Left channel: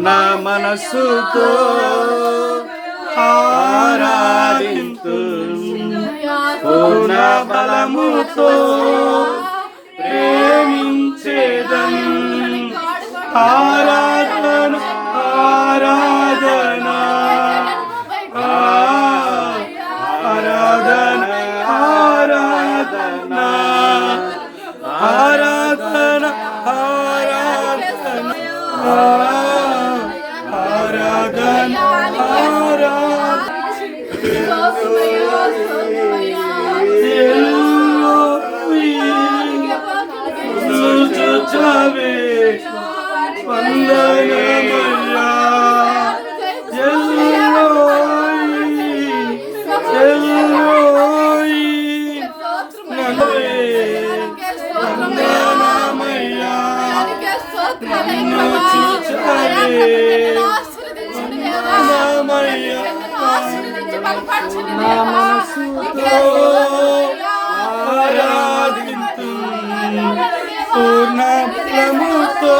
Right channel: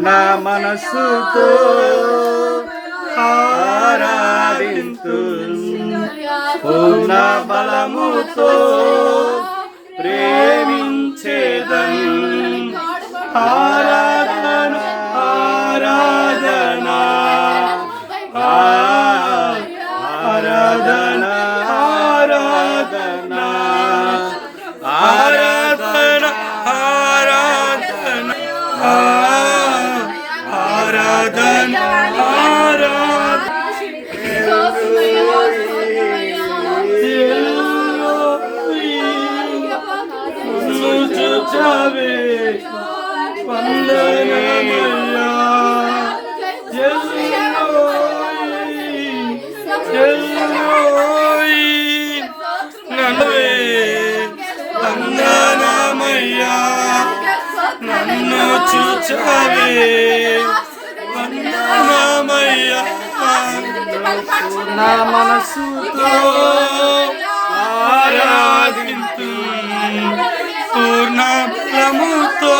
పూర్ణ మనస్సుతో ఆరాధింతు, పూర్ణ బలముతో ప్రేమించేదం. ఆరాధన ఆరాధన ఆరాధన ఆరాధన ఆరాధన ఆరాధన ఆరాధన చూచావే వందనమయ్యా వందనమయ్యా నన్ను చూచావే వందనమయ్యా నా మనసుతో ఆరాధింతు, పూర్ణ బలముతో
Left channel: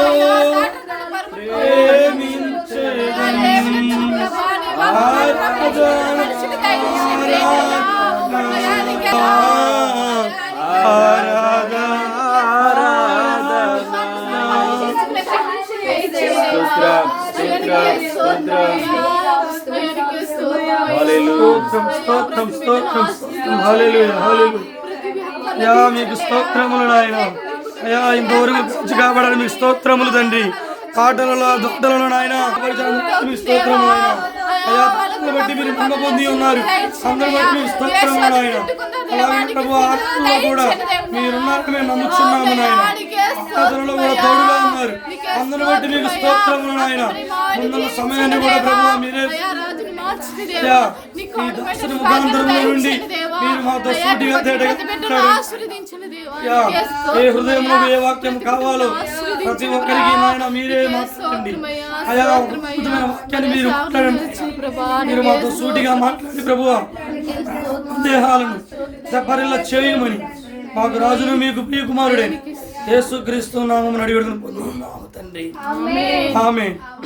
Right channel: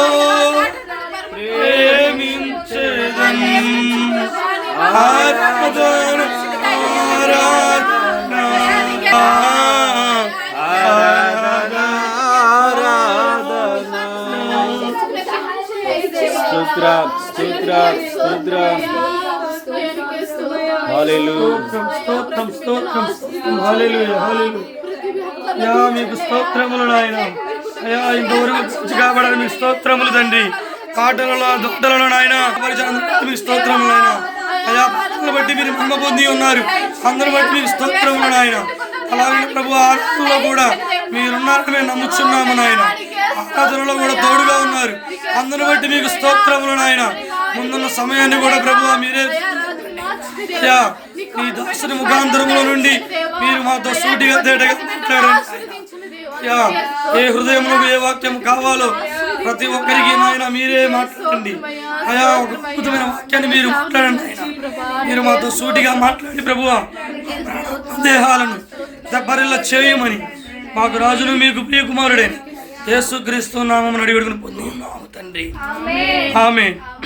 ప్రేమించెదన్. ఆరాధన ఆరాధన ఆరాధన స్తోత్రం స్తోత్రం హల్లెలూయా హల్లెలూయా. మీకు స్తోత్రములు నాయన. అయ్యా ఇంతవరకు కాబడాలి మీకు స్తోత్రములు తండ్రి. కాటలలో దొడ్డలలో నాయన మీకు స్తోత్రములు నాయన. అయ్యా పాటలను బట్టి మీరు మహిమ పొంది ఉన్నారు, అందరిని బట్టి మీకు స్తోత్రములు నాయన. అలాగే ప్రభు ఆరాధనలో కూడా మీరున్నారని మేము నమ్ముచున్నాము నాయన. ఆరాధనలో కూడా తోడుగా ఉన్నారు, అందరిని బట్టి మీకు స్తోత్రములు నాయన. ముందున్న సమయాన్ని కూడా ప్రభు మీరే ఈ దాసుని ముఖాంతరముల నుండి మీరు మాతో సూటిగా తేటగా మాట్లాడండి. ఏ హృదయంలో ఏ వాక్యం కావాలో ప్రతి ఒక్కరికి నాయన మీరే మాట్లాడండి. అయా ఒక అద్భుతమైన వాక్యాన్ని మీరు మాట్లాడండి. మీరు మాతో సూటిగా మాట్లాడి ప్రభువా దేహాలను దెబ్బరిల్ల చేయమని మాకు రాజును మీకు ప్రియకుమారుడైన యేసుక్రీస్తు నామమున అడిగి పొంది ఉన్నాము తండ్రి. ఆమేన్.